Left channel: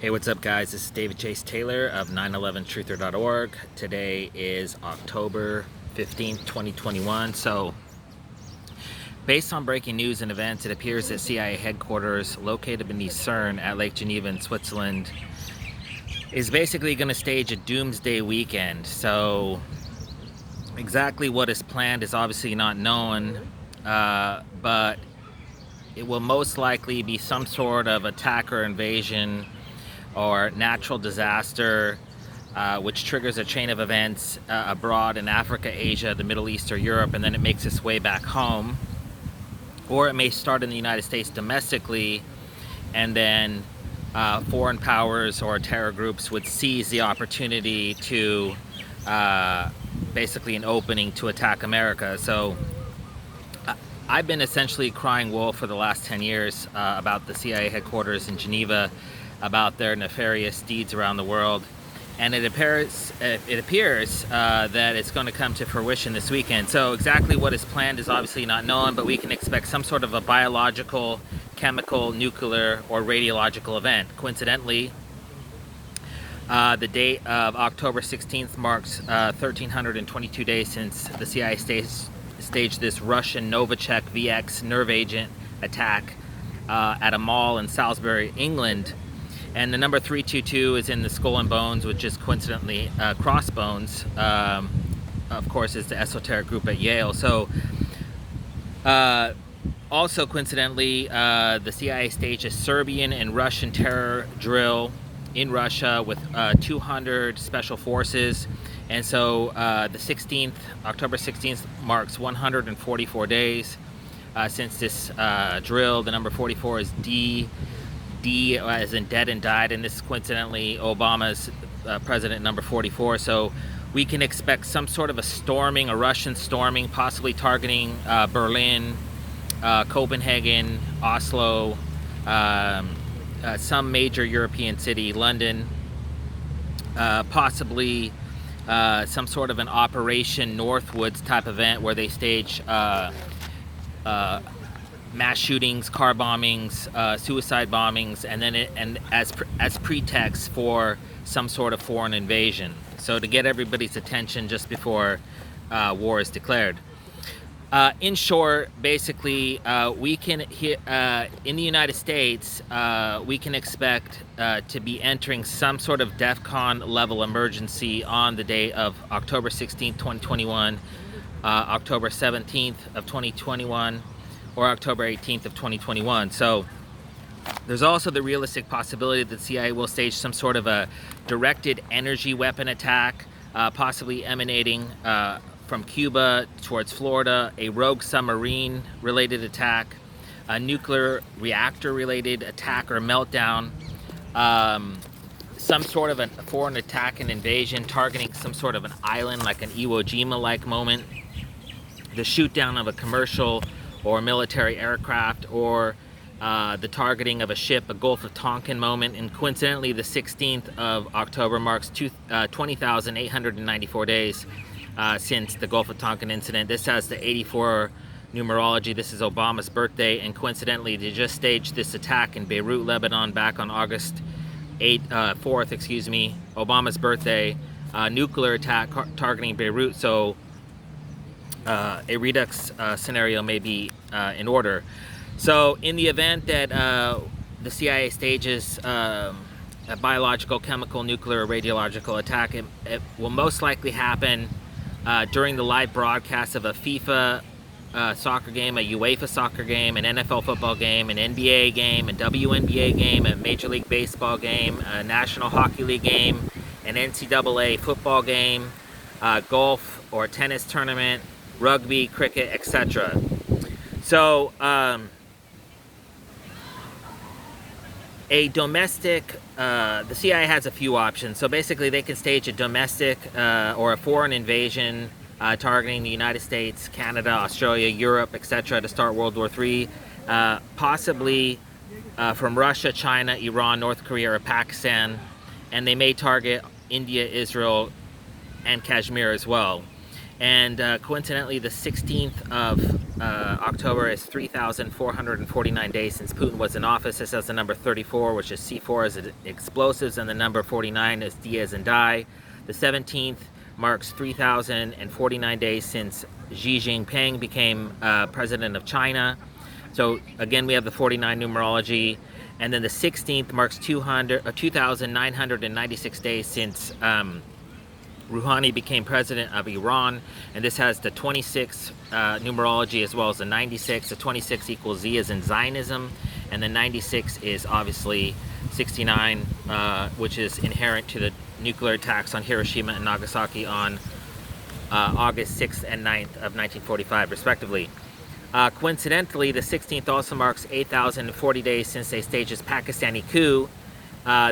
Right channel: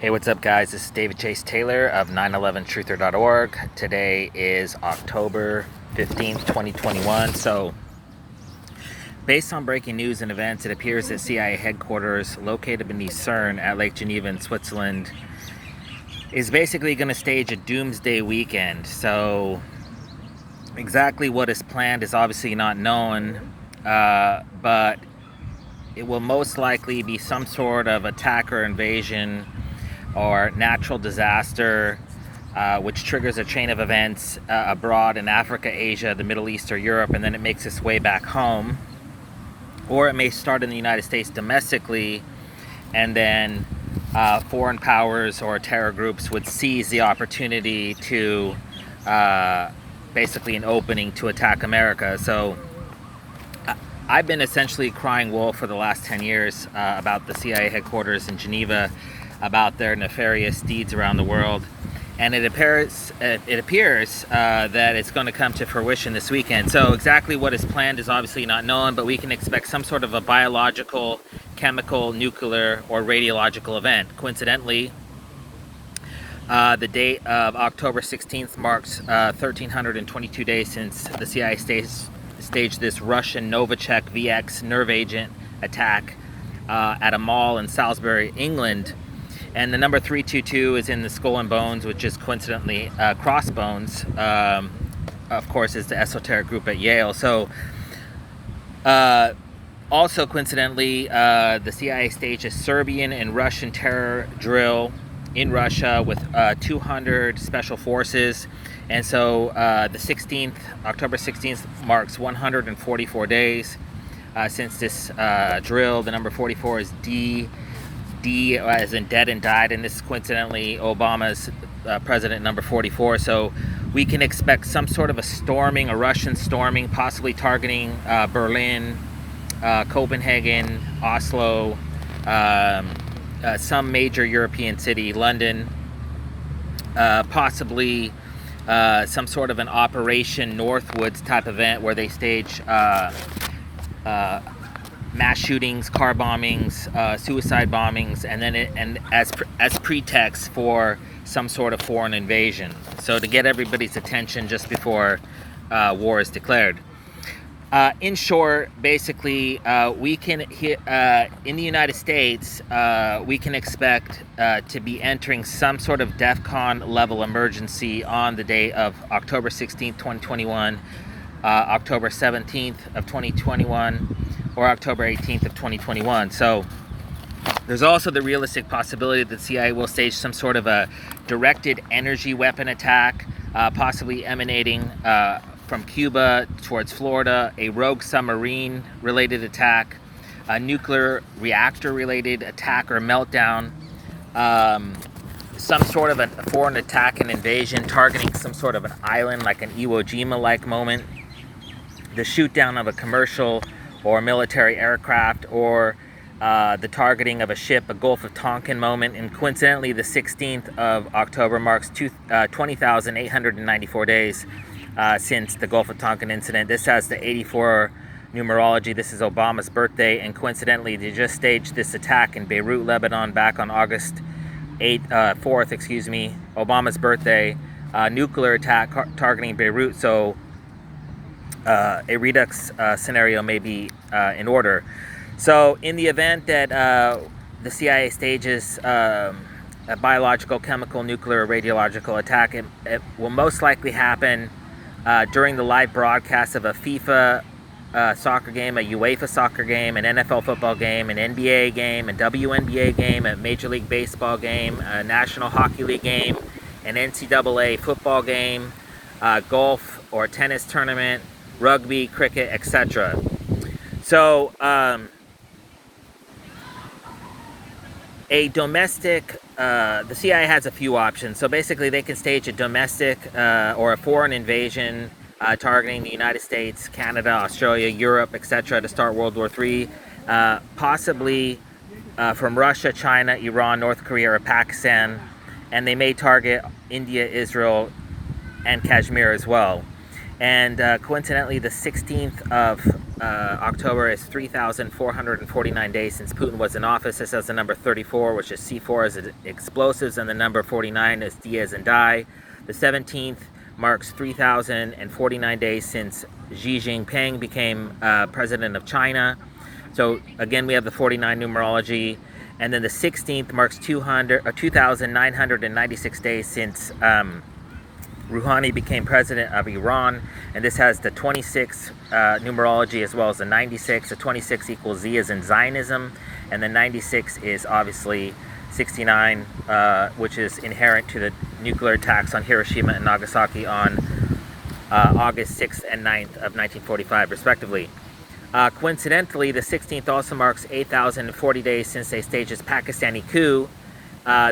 Hey, what's up, guys? This is David Chase Taylor of 911truther.org. Today is October 15th, 2021. So, based on breaking news and events, it appears that CIA headquarters located beneath CERN at Lake Geneva in Switzerland is basically going to stage a Doomsday weekend. So, exactly what is planned is obviously not known, but it will most likely be some sort of attack or invasion or natural disaster, which triggers a chain of events abroad in Africa, Asia, the Middle East, or Europe, and then it makes its way back home. Or it may start in the United States domestically, and then foreign powers or terror groups would seize the opportunity to basically an opening to attack America. So I've been essentially crying wolf for the last 10 years about the CIA headquarters in Geneva, about their nefarious deeds around the world, and it appears that it's going to come to fruition this weekend. So exactly what is planned is obviously not known, but we can expect some sort of a biological, chemical, nuclear, or radiological event. Coincidentally, the date of October 16th marks 1,322 days since the CIA staged this Russian Novichok VX nerve agent attack at a mall in Salisbury, England. And the number 322 is in the skull and bones, which is coincidentally crossbones. Of course, is the esoteric group at Yale. So, also coincidentally, the CIA staged a Serbian and Russian terror drill in Russia with 200 special forces. And so the 16th, October 16th, marks 144 days since this drill. The number 44 is D as in dead and died, and this is coincidentally Obama's president number 44. So we can expect some sort of a Russian storming, possibly targeting Berlin, Copenhagen, Oslo, some major European city, London, possibly some sort of an Operation Northwoods type event where they stage mass shootings, car bombings, suicide bombings, and then as pretext for some sort of foreign invasion. So to get everybody's attention just before war is declared. In short, basically, we can in the United States, we can expect to be entering some sort of DEFCON level emergency on the day of October 16th, 2021, October 17th of 2021, or October 18th of 2021. So there's also the realistic possibility that the CIA will stage some sort of a directed energy weapon attack, possibly emanating from Cuba towards Florida, a rogue submarine related attack, a nuclear reactor related attack or meltdown, some sort of a foreign attack and invasion targeting some sort of an island like an Iwo Jima like moment, the shoot down of a commercial or military aircraft, or the targeting of a ship, a Gulf of Tonkin moment. And coincidentally, the 16th of October marks 20,894 days since the Gulf of Tonkin incident. This has the 84 numerology. This is Obama's birthday, and coincidentally, they just staged this attack in Beirut, Lebanon, back on August 4th, Obama's birthday, nuclear attack targeting Beirut. So a redux scenario may be in order. So in the event that the CIA stages a biological, chemical, nuclear, radiological attack, it will most likely happen during the live broadcast of a FIFA soccer game, a UEFA soccer game, an NFL football game, an NBA game, a WNBA game, a Major League Baseball game, a National Hockey League game, an NCAA football game, golf or tennis tournament, rugby, cricket, etc. So a domestic, the CIA has a few options. So basically they can stage a domestic or a foreign invasion targeting the United States, Canada, Australia, Europe, etc. to start World War III, possibly from Russia, China, Iran, North Korea, or Pakistan, and they may target India, Israel, and Kashmir as well. And coincidentally, the 16th of October is 3,449 days since Putin was in office. This has the number 34, which is C4 as explosives, and the number 49 is D as in die. The 17th marks 3,049 days since Xi Jinping became president of China. So again, we have the 49 numerology. And then the 16th marks 2,996 days since Rouhani became president of Iran, and this has the 26 numerology as well as the 96. The 26 equals Z as in Zionism, and the 96 is obviously 69, which is inherent to the nuclear attacks on Hiroshima and Nagasaki on August 6th and 9th of 1945, respectively. Coincidentally, the 16th also marks 8,040 days since they staged this Pakistani coup.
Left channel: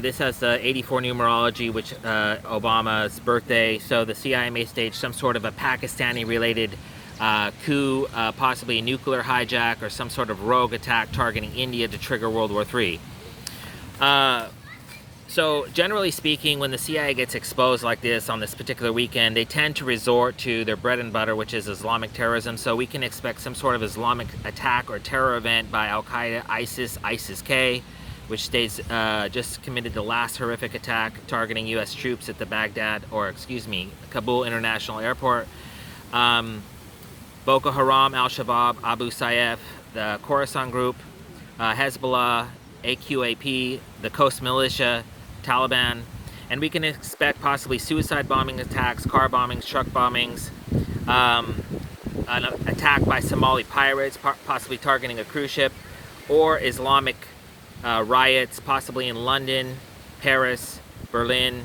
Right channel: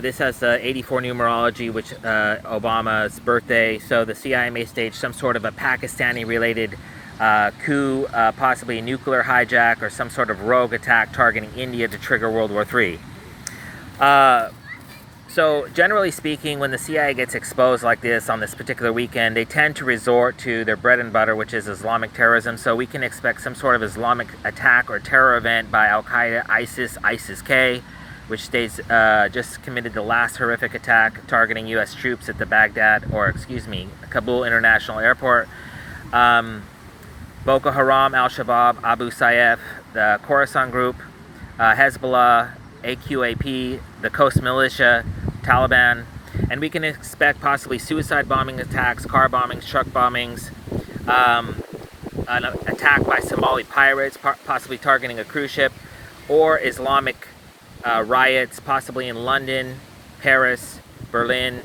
This has the 84 numerology, which Obama's birthday. So the CIA may stage some sort of a Pakistani-related coup, possibly a nuclear hijack or some sort of rogue attack targeting India to trigger World War III. So generally speaking, when the CIA gets exposed like this on this particular weekend, they tend to resort to their bread and butter, which is Islamic terrorism. So we can expect some sort of Islamic attack or terror event by Al-Qaeda, ISIS-K, which states just committed the last horrific attack targeting U.S. troops at the Kabul International Airport. Boko Haram, Al-Shabaab, Abu Sayyaf, the Khorasan Group, Hezbollah, AQAP, the Coast Militia, Taliban, and we can expect possibly suicide bombing attacks, car bombings, truck bombings, an attack by Somali pirates, possibly targeting a cruise ship, or Islamic riots, possibly in London, Paris, Berlin,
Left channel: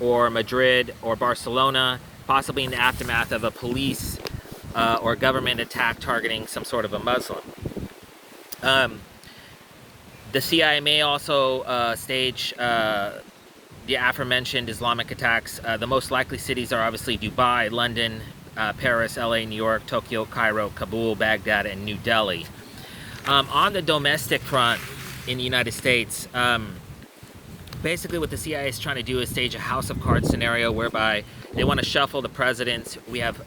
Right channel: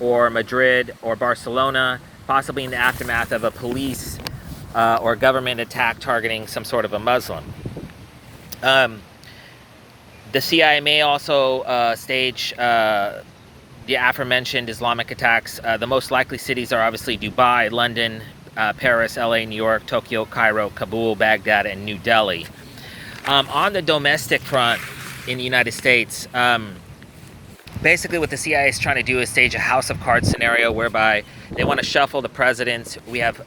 or Madrid, or Barcelona, possibly in the aftermath of a police or government attack targeting some sort of a Muslim. The CIA may also stage the aforementioned Islamic attacks. The most likely cities are obviously Dubai, London, Paris, LA, New York, Tokyo, Cairo, Kabul, Baghdad, and New Delhi. On the domestic front in the United States, basically what the CIA is trying to do is stage a house of cards scenario whereby they want to shuffle the presidents. We have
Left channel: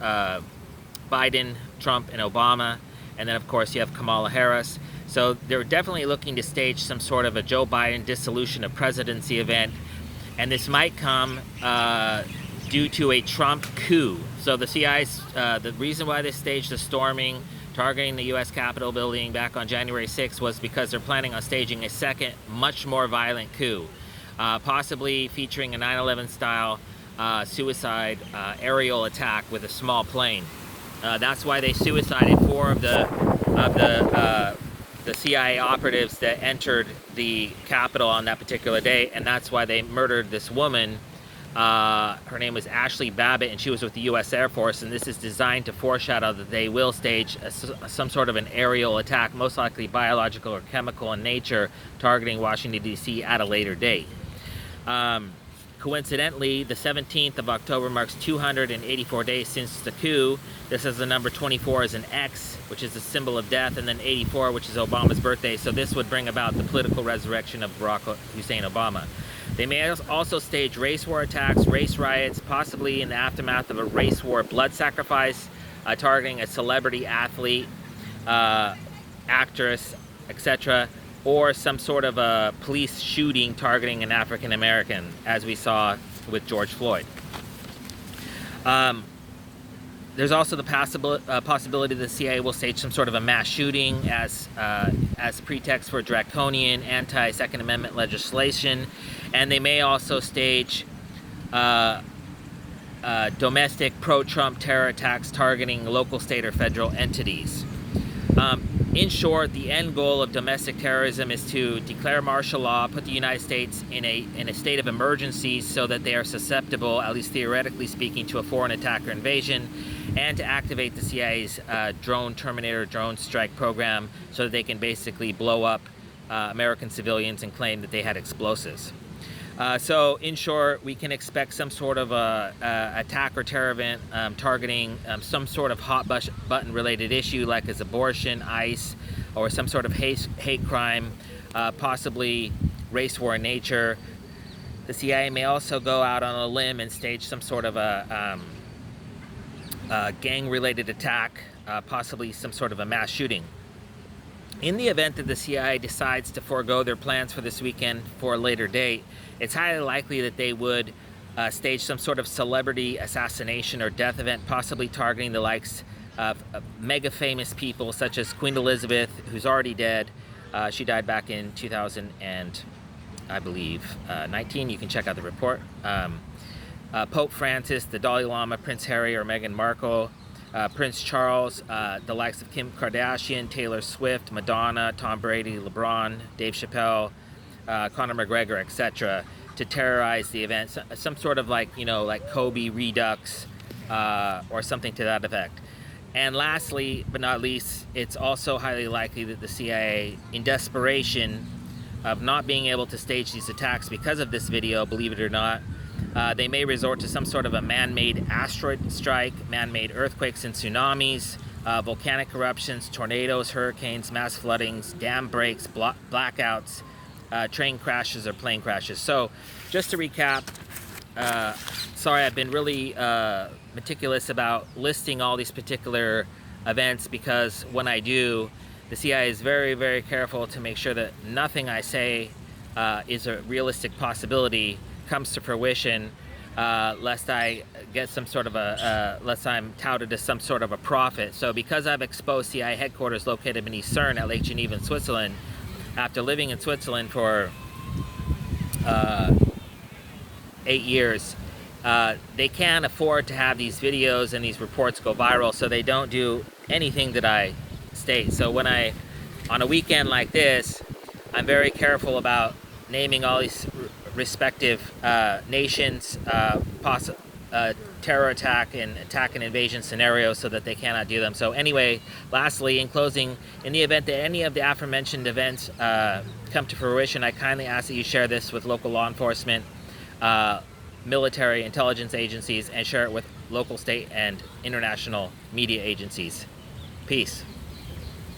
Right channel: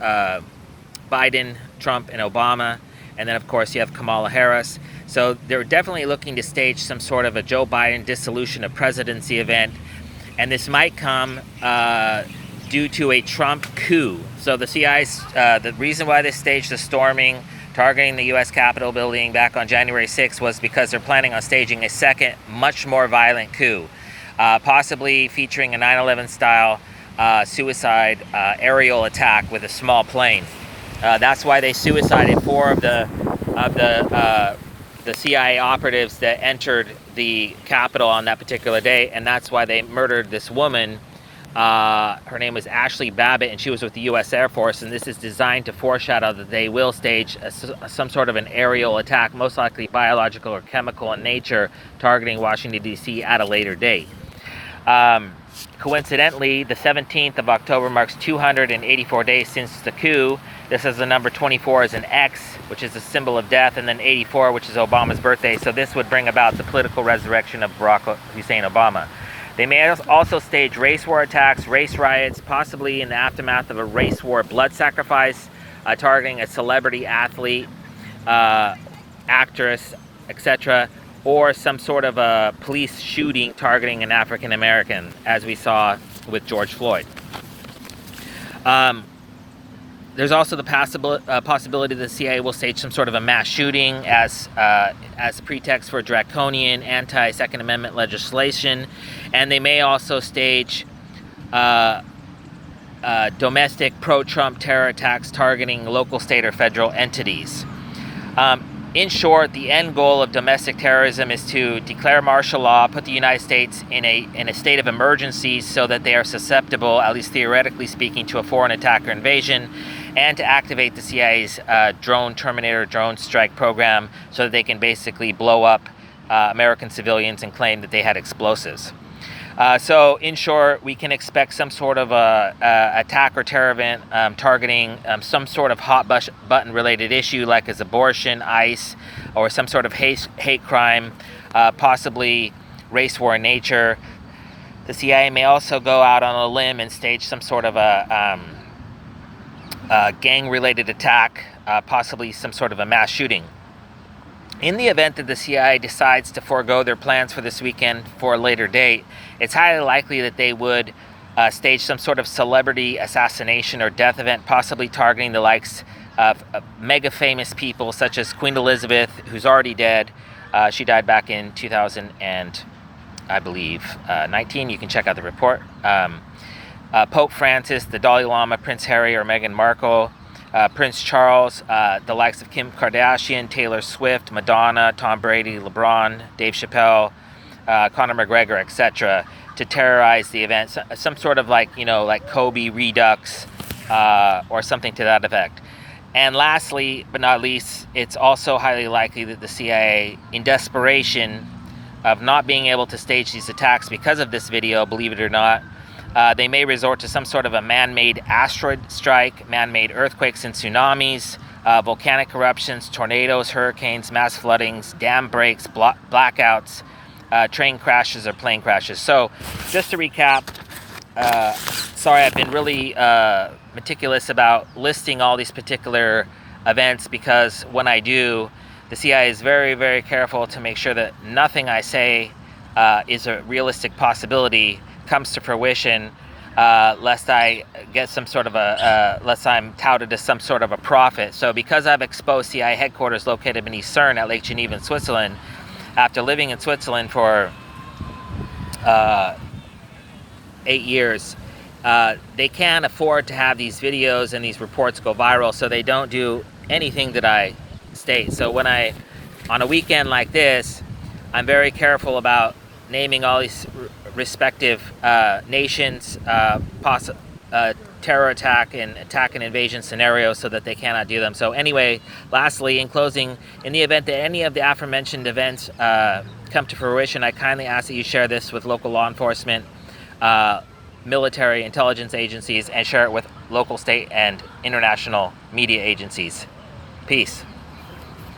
Biden, Trump, and Obama, and then of course you have Kamala Harris. So they're definitely looking to stage some sort of a Joe Biden dissolution of presidency event, and this might come due to a Trump coup. So the CIA's, the reason why they staged the storming targeting the U.S. Capitol building back on January 6th was because they're planning on staging a second, much more violent coup, possibly featuring a 9/11 style suicide aerial attack with a small plane. That's why they suicided 4 of the CIA operatives that entered the Capitol on that particular day, and that's why they murdered this woman. Her name was Ashley Babbitt, and she was with the U.S. Air Force, and this is designed to foreshadow that they will stage some sort of an aerial attack, most likely biological or chemical in nature, targeting Washington, D.C. at a later date. Coincidentally, the 17th of October marks 284 days since the coup. This is the number 24 as an X, which is the symbol of death, and then 84, which is Obama's birthday. So this would bring about the political resurrection of Barack Hussein Obama. They may also stage race war attacks, race riots, possibly in the aftermath of a race war blood sacrifice, targeting a celebrity athlete, actress, etc., or some sort of a police shooting targeting an African American, as we saw with George Floyd. There's also the possibility the CIA will stage some sort of a mass shooting as pretext for draconian anti-Second Amendment legislation, and they may also stage domestic pro-Trump terror attacks targeting local, state, or federal entities. In short, the end goal of domestic terrorism is to declare martial law, put the United States in a state of emergency so that they are susceptible, at least theoretically speaking, to a foreign attack or invasion, and to activate the CIA's Terminator drone strike program so that they can basically blow up American civilians and claim that they had explosives. So, in short, we can expect some sort of attack or terror event targeting some sort of hot button related issue, like as abortion, ICE, or some sort of hate crime, possibly race war in nature. The CIA may also go out on a limb and stage some sort of a gang-related attack possibly some sort of a mass shooting. In the event that the CIA decides to forego their plans for this weekend for a later date, it's highly likely that they would stage some sort of celebrity assassination or death event, possibly targeting the likes of mega famous people such as Queen Elizabeth, who's already dead. She died back in 2000 and I believe 19. You can check out the report. Pope Francis, the Dalai Lama, Prince Harry or Meghan Markle, Prince Charles, the likes of Kim Kardashian, Taylor Swift, Madonna, Tom Brady, LeBron, Dave Chappelle, Conor McGregor, etc., to terrorize the event. Some sort of like Kobe Redux or something to that effect. And lastly, but not least, it's also highly likely that the CIA, in desperation of not being able to stage these attacks because of this video, believe it or not, they may resort to some sort of a man-made asteroid strike, man-made earthquakes and tsunamis, volcanic eruptions, tornadoes, hurricanes, mass floodings, dam breaks, blackouts, train crashes or plane crashes. So just to recap, sorry, I've been really meticulous about listing all these particular events, because when I do, the CIA is very, very careful to make sure that nothing I say is a realistic possibility comes to fruition, lest I get some sort of lest I'm touted as some sort of a prophet. So because I've exposed CIA headquarters located beneath CERN at Lake Geneva in Switzerland, after living in Switzerland for 8 years, they can't afford to have these videos and these reports go viral, so they don't do anything that I state. So when on a weekend like this, I'm very careful about naming all these respective nations, terror attack and invasion scenarios, so that they cannot do them. So anyway, lastly, in closing, in the event that any of the aforementioned events come to fruition, I kindly ask that you share this with local law enforcement, military intelligence agencies, and share it with local, state, and international media agencies. Peace.